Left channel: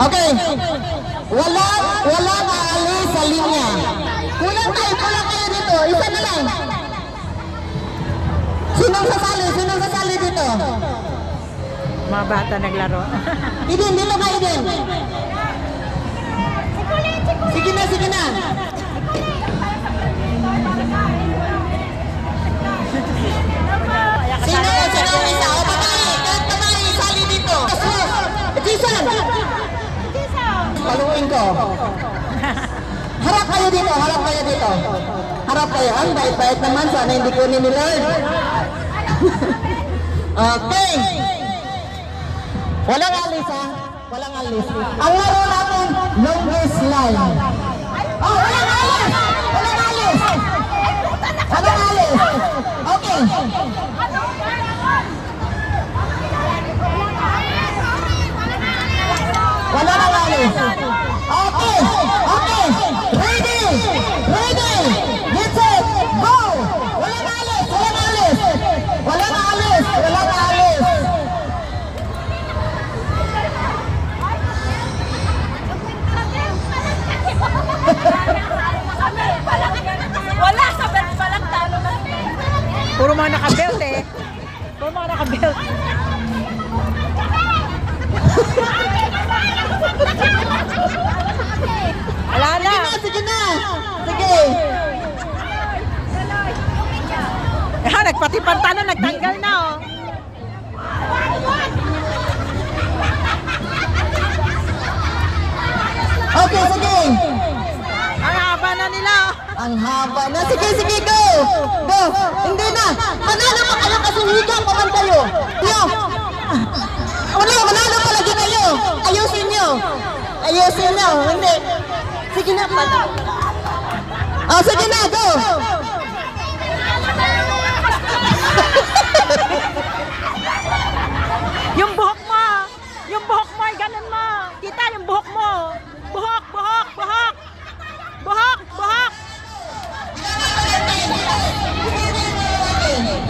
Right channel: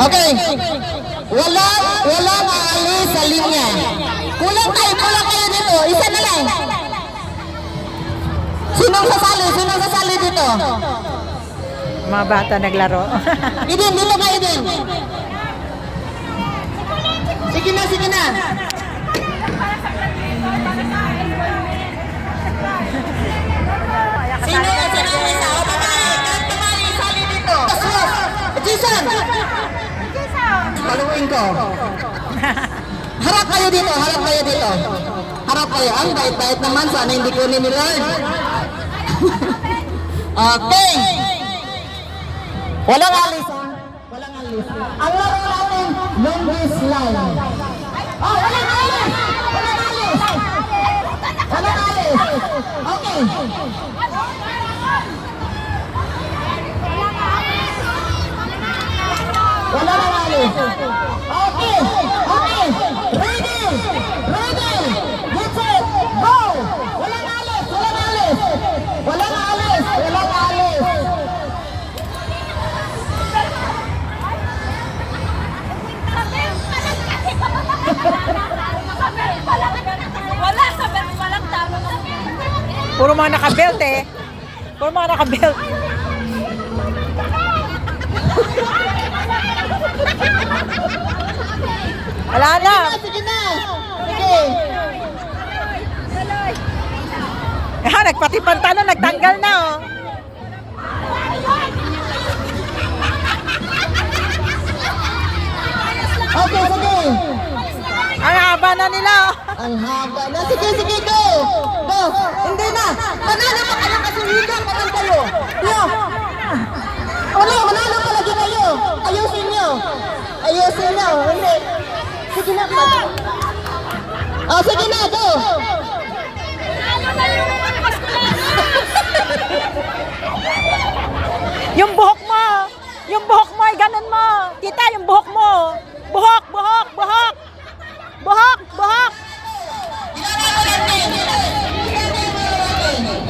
Okay. Wala maalis sa linya. Kulang kayo dito. Isa na lang. Sinong sasali dito? Mga bata naglaro. Eden, dito ka Eden. Sige na. Sali dito. Jason. Paluin ko. Harap kayo dito. Harap kayo. Ang bait-bait naman. Sana hindi kunin ni Lord. Okay. Walang alis ha. Walang alis. Ang laro natin, longest line. Oh, walang alis. Okay. Walang alis. Okay. Ready. Get set. Go. Walang alis. Wala sa belt, walang talo kami. Puro mga nakabelt eh. Wala na. Sige. Nagpati pantalo, nagtanggal na oh. Okay, sige. Ang haba na nila oh. Ang haba na. Sige, go. Hindi na. Manalo pa kayo kasi higa pa man kayo. Manalo pa lagi kayo. Ayusin nyo. Hindi. Sige na. Sige na, go. Yung buhok mo, ganun mo. Kita yung buhok mo. Buhok.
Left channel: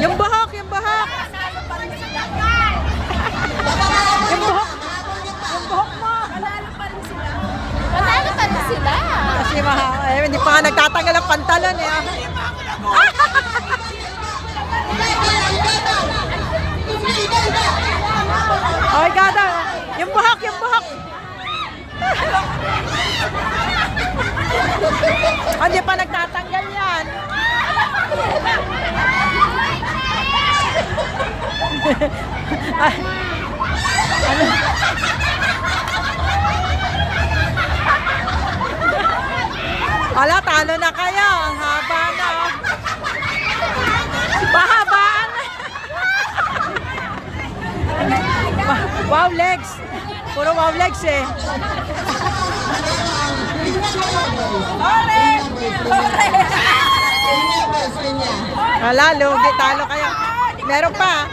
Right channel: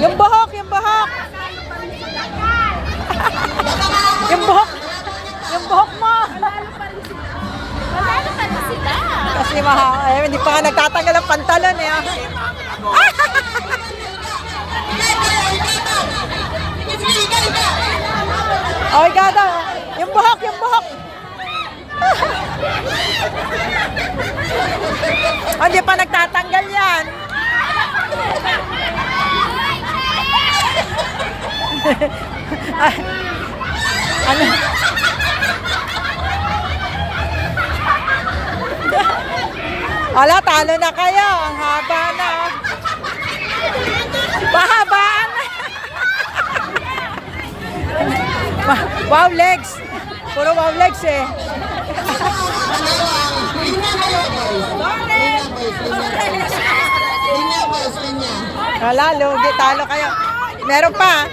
Yung buhok. Yung buhok mo. Manalo pa rin sila. Kasi hindi pa nga nagtatanggal ang pantalon eh. Oh my God, yung buhok. Hindi pa nagtatanggal yan. Ano? Ala, talo na kayo. Ang haba na. Pahabaan na. Wow legs. Puro wow legs eh. Wala, lugi. Talo kayo. Meron pa.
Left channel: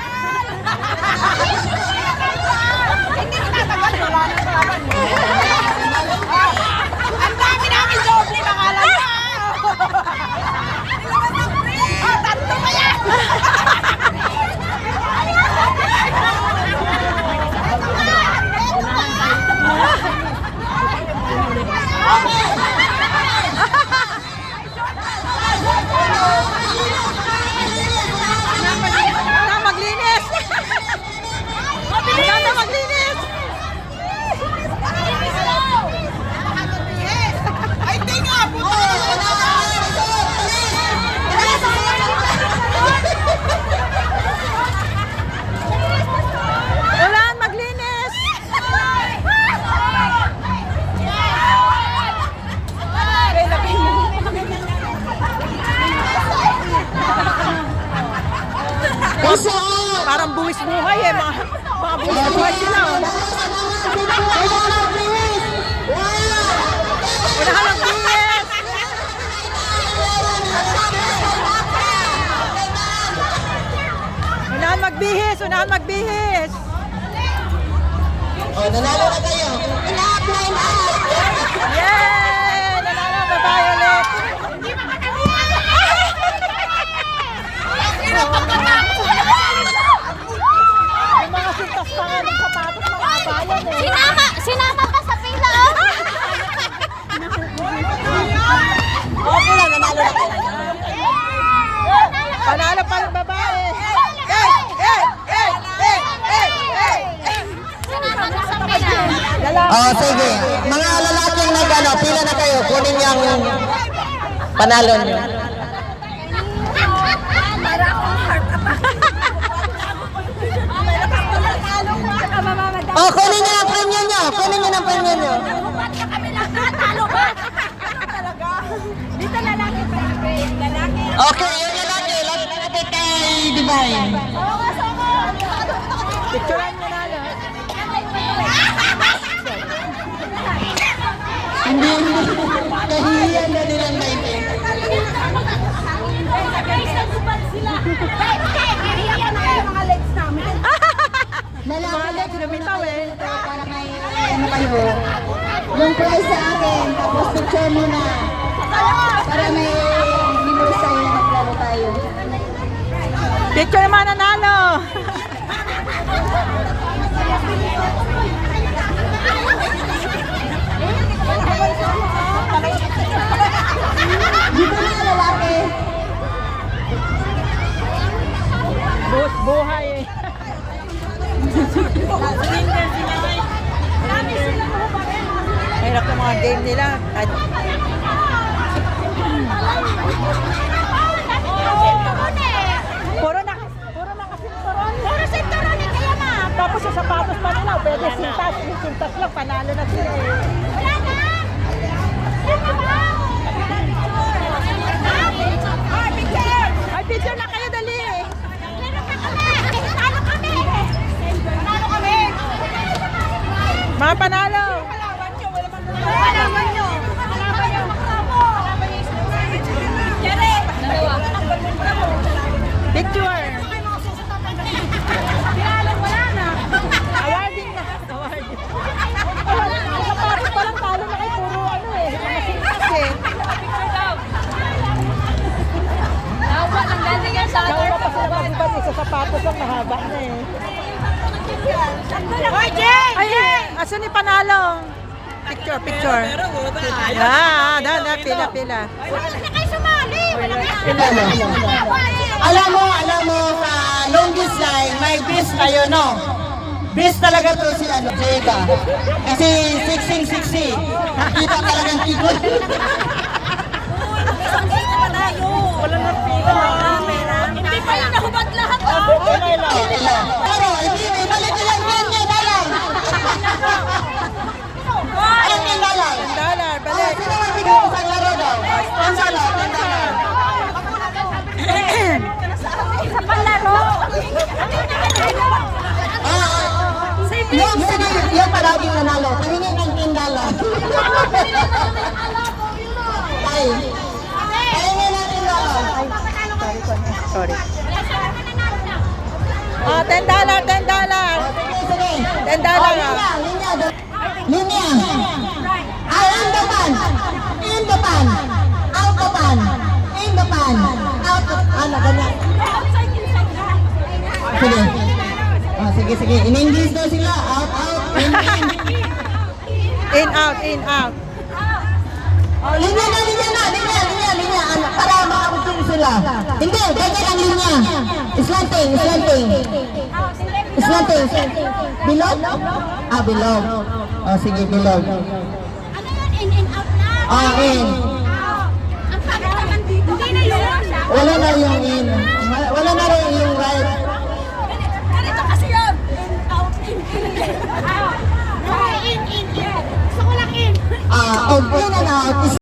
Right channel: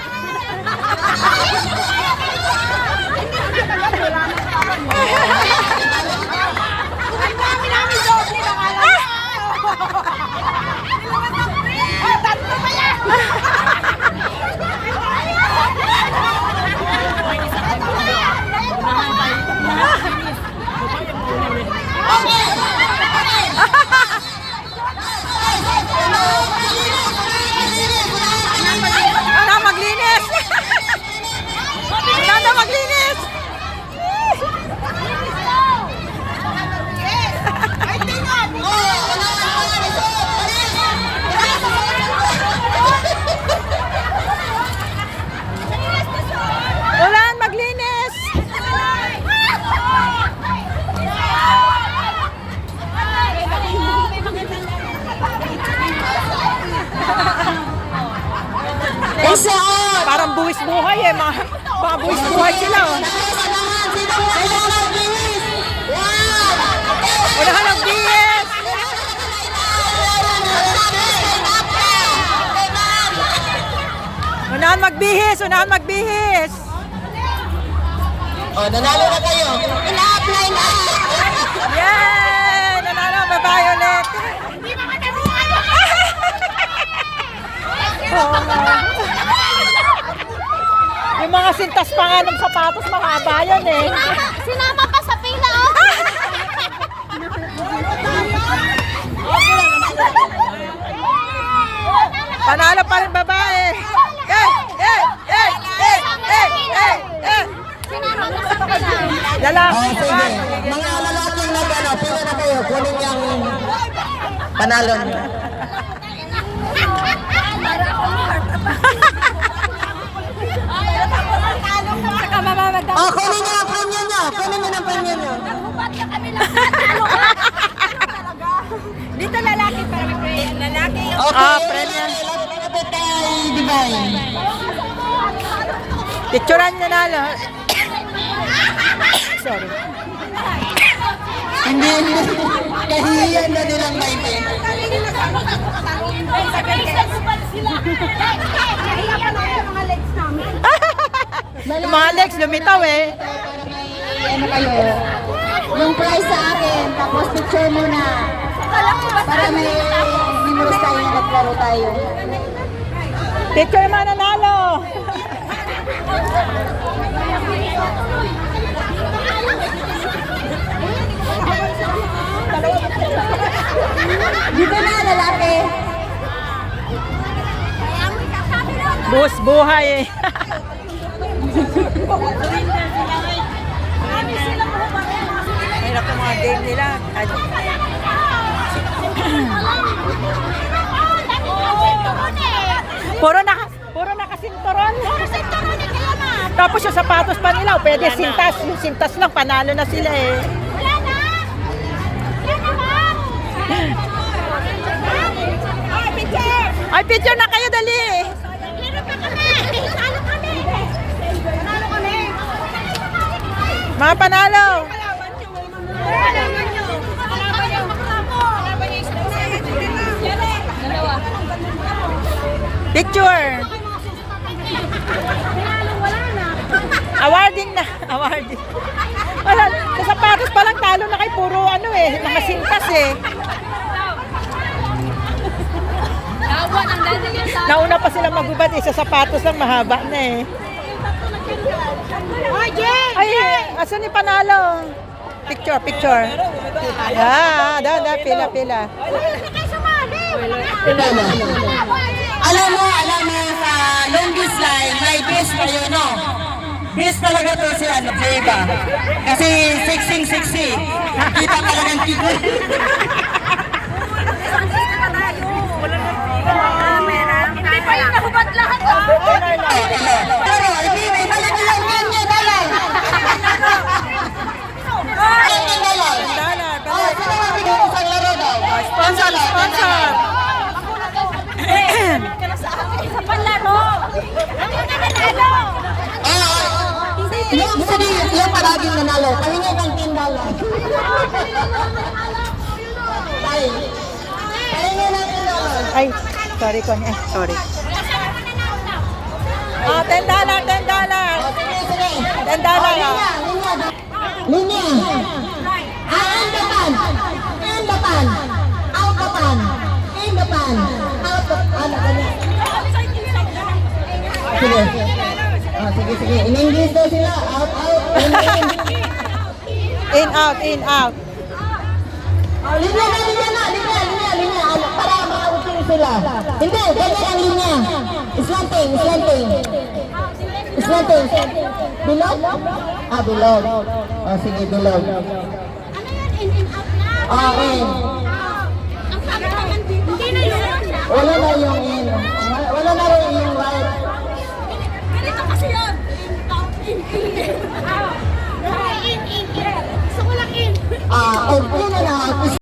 Maglinis. Parang buwis buhay eh. Mga buwis buhay sila. Unahan ang bihis. Unahan magbihis. Nanalo na kayo. Ina-apply na. Yay! Nanalo na tayo ulit. Hindi makataruan. Oo nga. Yung mga sintas pa nga ng sapatos, mahaba yan eh. Sinama pa sa pila, oh. Okay lang, nanalo na. Panalo pa rin babae. Lalaki. Oh, sige. Mga lalaking nag-ano, pila na kayo. Kunin yung panalo niyo. Oh, kunin niyo ang premium niyo. Kunin niyo ang premium niyo. Dito lalaki pa lalaki. Okay, yung lalaki. Lapit kay Divine. Picturean niya na, no? Hindi. Kahihiyan na nilang 19. Yung mga legs, lumitaw eh. Ano kayo? Yung price sa akin, tapos picture mo na. Para may memories tayo na maglaro tayo. Picture yung mga nanalo. Dito na lalaki. Buhos buhay eh. Hirap ng mga game nila. Puro nakasinturon. Puro sinturon eh, kaya na. Tapos yung sapatos pa nila, pwede sintas. Yung sintas lang, panalo na sila eh. Wala na. Ay, picture. Ay, picture na kayo, dali. Talo kami. Talo kami. Mga panalo. Kalaban nyo. Dalawa. Picture. Wala na. Awarding na. Awarding. Wala, sa sapatos pa lang talo na kay puro ano eh. Mga sintas eh. Tawa ng dati yan. Nauna pa sila magubad eh. Sa sapatos lang mahaba na eh. Hoy, Jay! Ay, asan ni panalo? Picture, picture. Pila. Hindi kayo sumali. Alam mo, sa longest line, may best kayo, no? Best talaga to si ano, si Eva. Kasi sexy. Kita talagang tigo. Hindi pa yung nahubad lahat. Pero, hindi, balik lang yan, dalay. $10, balik. Sino ang bigay ko sa laro daw? Sponsor. Sa palaro. Ano na nanalo? Yung sige, yan palaging nanalo. Kahingi ng $10. Ay, kahingi ng $10. Ay, sorry ko eh. Sorry. Oh, $10. Sige. $10 ah. Linya. In the pan. Out the pan. In the pan. Out the pan. Ganyan. Sige. Oh, sige. In-English daw sila. Out. In, out. Oh, linya na. Ano, para makautin sila. Hindi, ganyan ang linya. Slanting. Bilog? Bilog. Oh, sige, bilog. Ano yan? In, out na. In. Ang pangit naman dito. Hindi na yun. Wala na yung in. Wala na rin yung right. Ganito kasi yun. Out, in. Out. In. Gusto ko lang in. In